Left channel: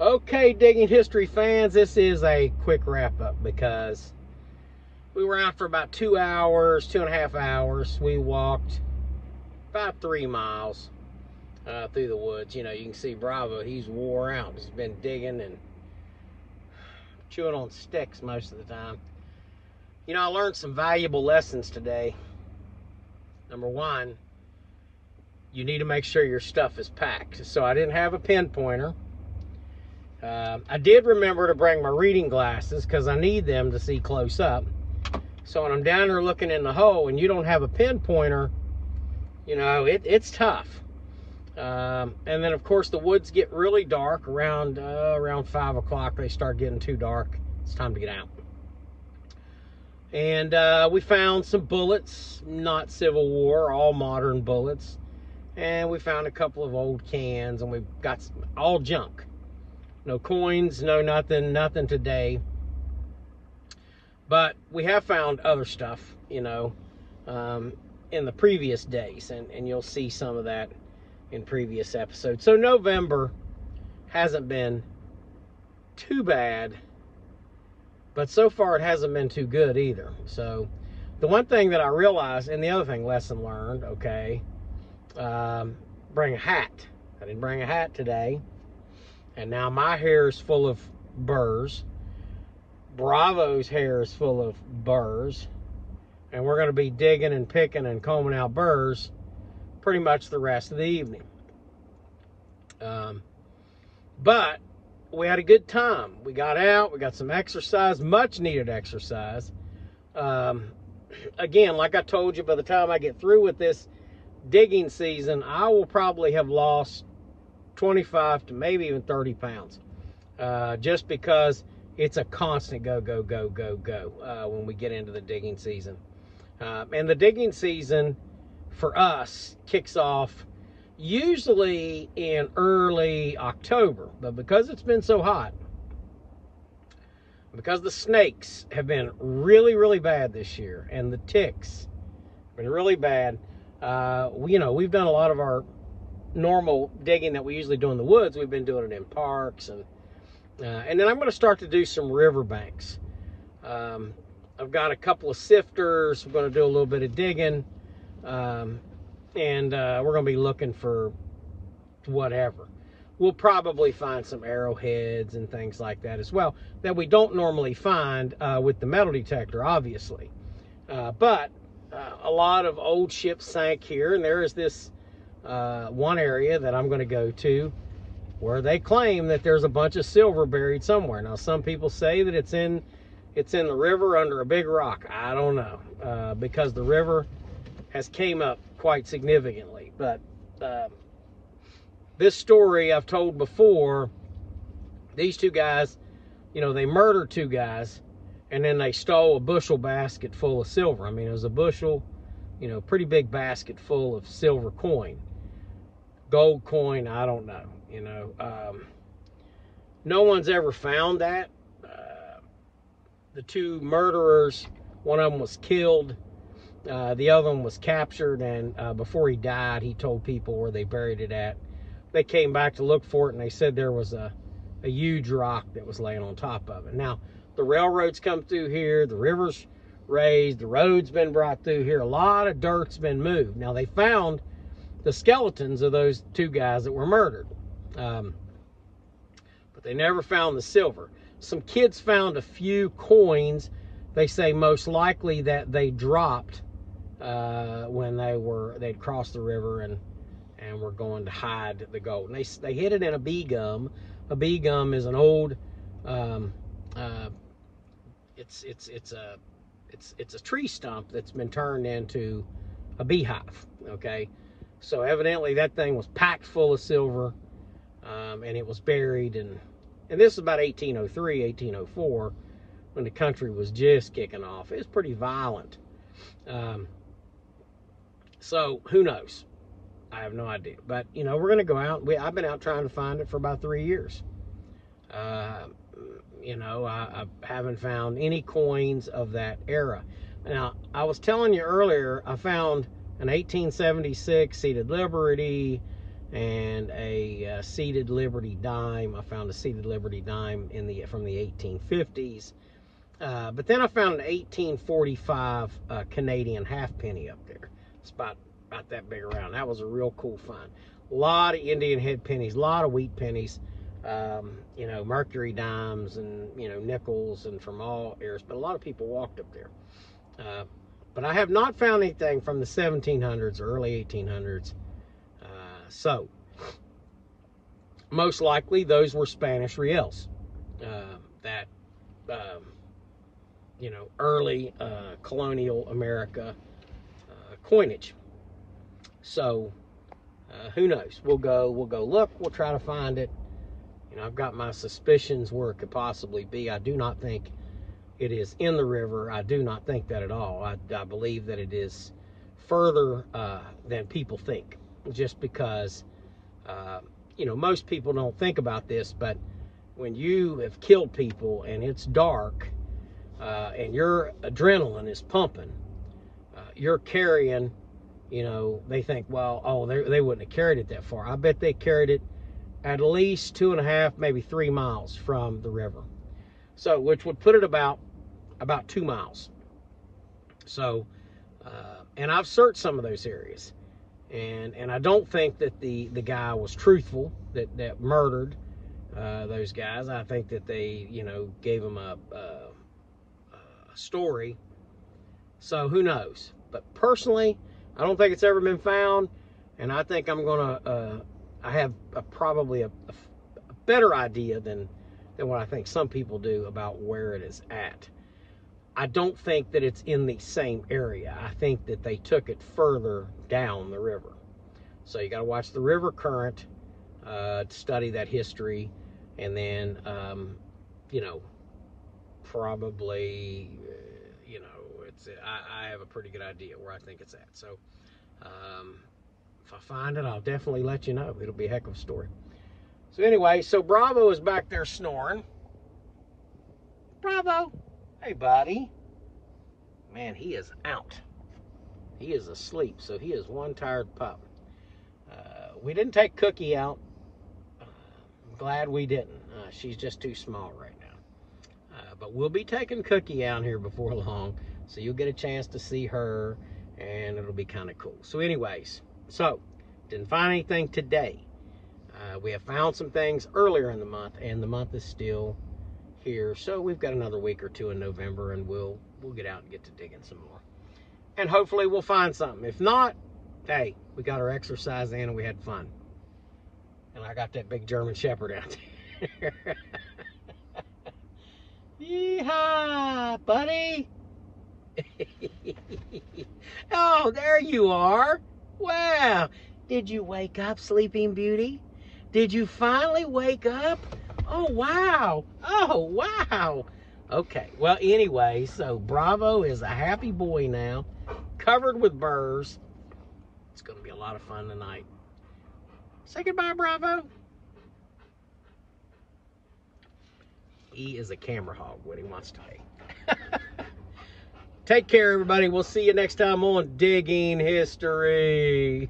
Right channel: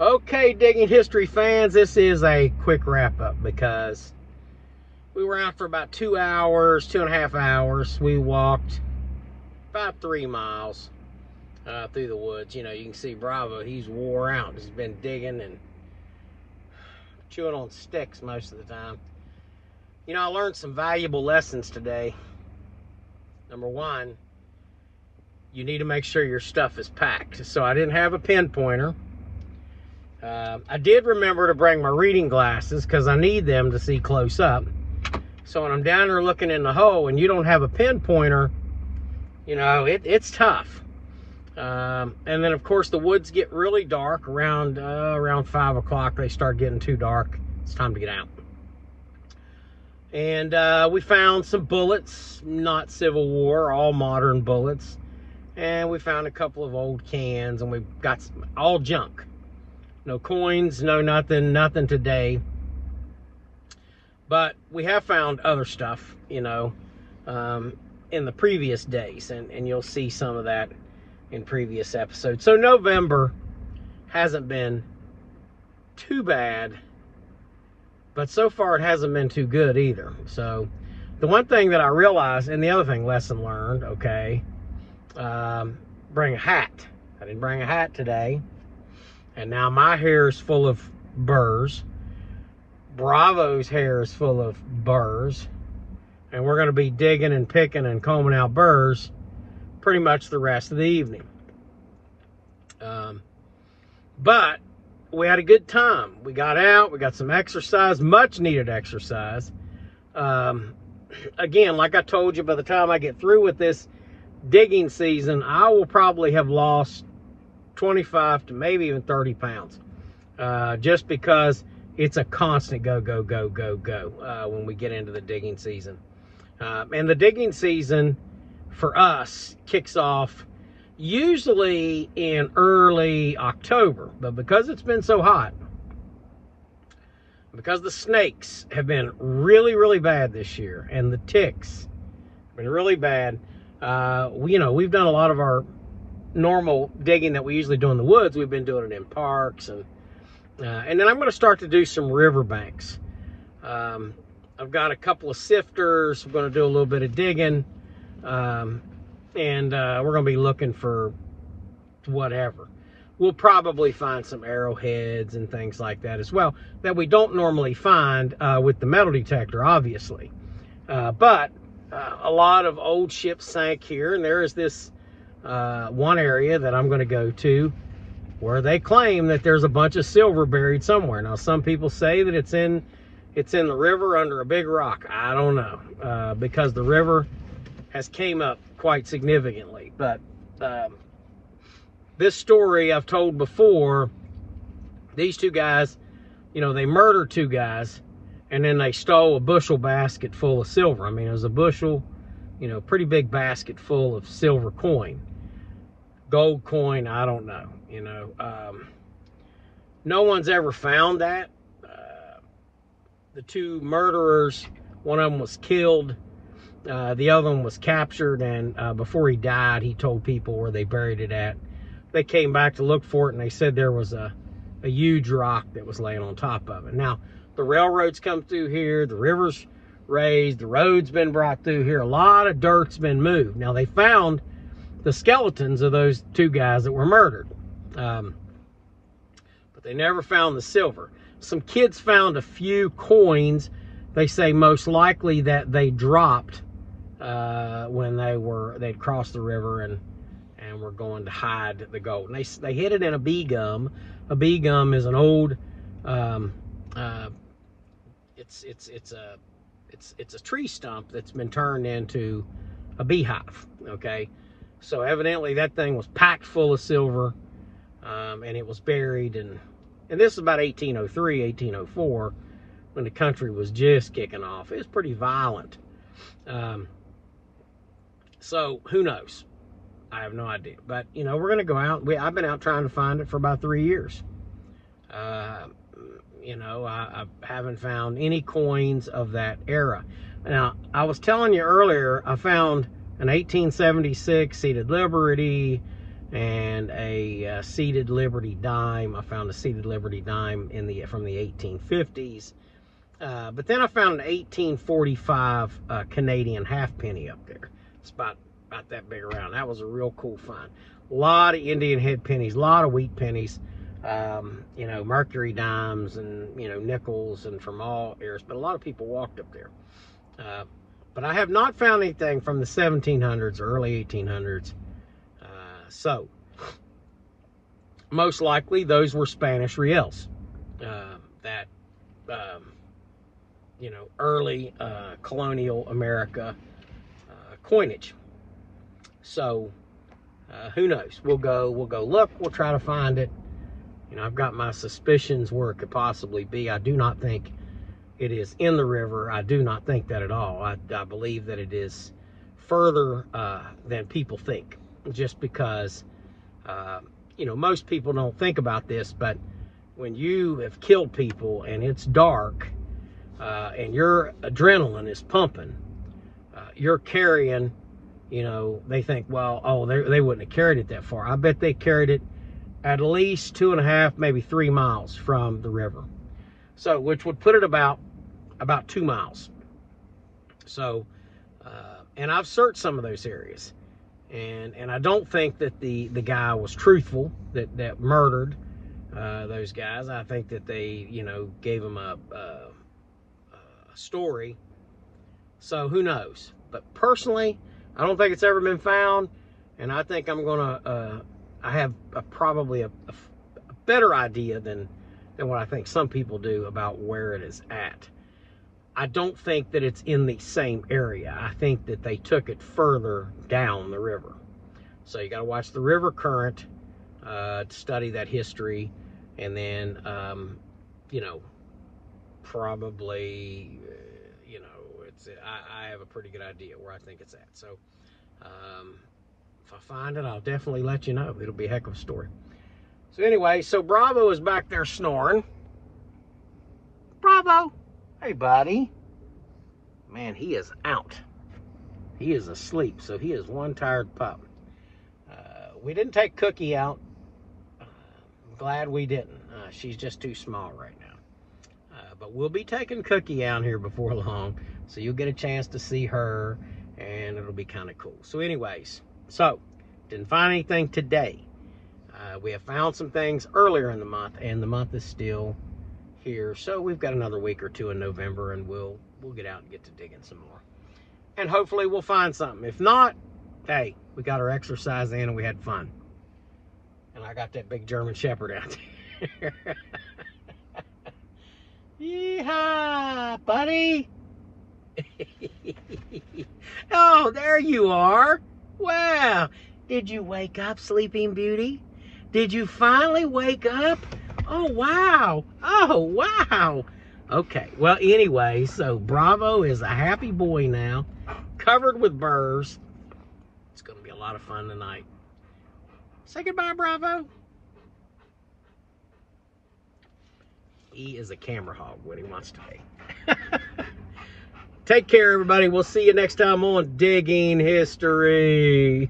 Okay, Digging History fans, this is a quick wrap up because we were out for about 2 hours, 2.5 hours. We walked about 3 miles through the woods. You know, you can see Bravo, he's wore out. He's been digging and chewing on sticks most of the time. You know, I learned some valuable lessons today. Number one, you need to make sure your stuff is packed. So I didn't have a pinpointer. I did remember to bring my reading glasses because I need them to see close up. So when I'm down there looking in the hole and you don't have a pinpointer, you know, it's tough. And then of course the woods get really dark around 5 o'clock. They start getting too dark. It's time to get out. And we found some bullets, not Civil War, all modern bullets. And we found a couple of old cans, and we got all junk. No coins, no nothing today. But we have found other stuff, you know, in the previous days. And you'll see some of that in previous episodes. So November hasn't been too bad. But so far it hasn't been too good either. So the one thing that I realized, and the other thing, lesson learned, okay, bring a hat. I didn't bring a hat today. And now my hair is full of burrs. Bravo's hair is full of burrs. And we're going to be digging and picking and combing out burrs pretty much the rest of the evening. But we had a good time. We got out, we got some exercise, much needed exercise. Again, like I told you, by the time I get through with this digging season, I will probably have lost 25 to maybe even 30 pounds. Just because it's a constant go when we get into the digging season. And the digging season for us kicks off usually in early October, but because it's been so hot, because the snakes have been really bad this year, and the ticks have been really bad, we've done a lot of our normal digging that we usually do in the woods. We've been doing it in parks, and then I'm going to start to do some riverbanks. I've got a couple of sifters. We're going to do a little bit of digging. And we're going to be looking for whatever. We'll probably find some arrowheads and things like that as well that we don't normally find with the metal detector, obviously. But a lot of old ships sank here, and there is this one area that I'm going to go to where they claim that there's a bunch of silver buried somewhere. Now, some people say that it's in the river under a big rock. I don't know, because the river has came up quite significantly. But this story I've told before. These two guys, you know, they murdered two guys, and then they stole a bushel basket full of silver. I mean, it was a bushel, you know, pretty big basket full of silver coin. Gold coin, I don't know, you know. No one's ever found that. The two murderers, one of them was killed. The other one was captured, and before he died, he told people where they buried it at. They came back to look for it, and they said there was a huge rock that was laying on top of it. Now, the railroads come through here, the river's raised, the road's been brought through here, a lot of dirt's been moved. Now, they found the skeletons of those two guys that were murdered, but they never found the silver. Some kids found a few coins. They say most likely that they dropped when they'd crossed the river and were going to hide the gold. And they hid it in a bee gum. A bee gum is an old it's a tree stump that's been turned into a beehive. Okay, so evidently that thing was packed full of silver, and it was buried. And this was about 1803, 1804, when the country was just kicking off. It was pretty violent. So who knows? I have no idea. But, you know, we're going to go out. I've been out trying to find it for about 3 years. You know, I haven't found any coins of that era. Now, I was telling you earlier, I found an 1876 Seated Liberty, and a seated Liberty dime. I found a seated Liberty dime from the 1850s. But then I found an 1845 Canadian halfpenny up there. It's about that big around. That was a real cool find. A lot of Indian head pennies, a lot of wheat pennies, you know, mercury dimes and, you know, nickels and from all areas. But a lot of people walked up there. But I have not found anything from the 1700s or early 1800s. So, most likely those were Spanish reals. You know, early colonial America coinage. So, who knows? We'll go look. We'll try to find it. You know, I've got my suspicions where it could possibly be. I do not think it is in the river. I do not think that at all. I believe that it is further than people think, just because, you know, most people don't think about this, but when you have killed people and it's dark and your adrenaline is pumping, you're carrying, you know, they think, well, oh, they wouldn't have carried it that far. I bet they carried it at least 2.5, maybe 3 miles from the river. So, which would put it about 2 miles. So, and I've searched some of those areas, and I don't think that the guy was truthful that murdered those guys. I think that they, you know, gave him a story. So who knows? But personally, I don't think it's ever been found, and I think I'm gonna. I have probably a better idea than what I think some people do about where it is at. I don't think that it's in the same area. I think that they took it further down the river. So you got to watch the river current to study that history, and then you know, probably you know, I have a pretty good idea where I think it's at. So if I find it, I'll definitely let you know. It'll be a heck of a story. So anyway, so Bravo is back there snoring. Bravo. Hey, buddy. Man, he is out. He is asleep, so he is one tired pup. We didn't take Cookie out. I'm glad we didn't. She's just too small right now. But we'll be taking Cookie out here before long, so you'll get a chance to see her, and it'll be kind of cool. So anyways, so didn't find anything today. We have found some things earlier in the month, and the month is still here. So we've got another week or two in November, and we'll get out and get to digging some more. And hopefully we'll find something. If not, hey, we got our exercise in and we had fun. And I got that big German Shepherd out there. Yeehaw, buddy. Oh, there you are. Wow. Did you wake up, Sleeping Beauty? Did you finally wake up? Oh, wow. Oh, wow. Okay. Well, anyway, so Bravo is a happy boy now, covered with burrs. It's going to be a lot of fun tonight. Say goodbye, Bravo. He is a camera hog, what he wants to be. Take care, everybody. We'll see you next time on Digging History.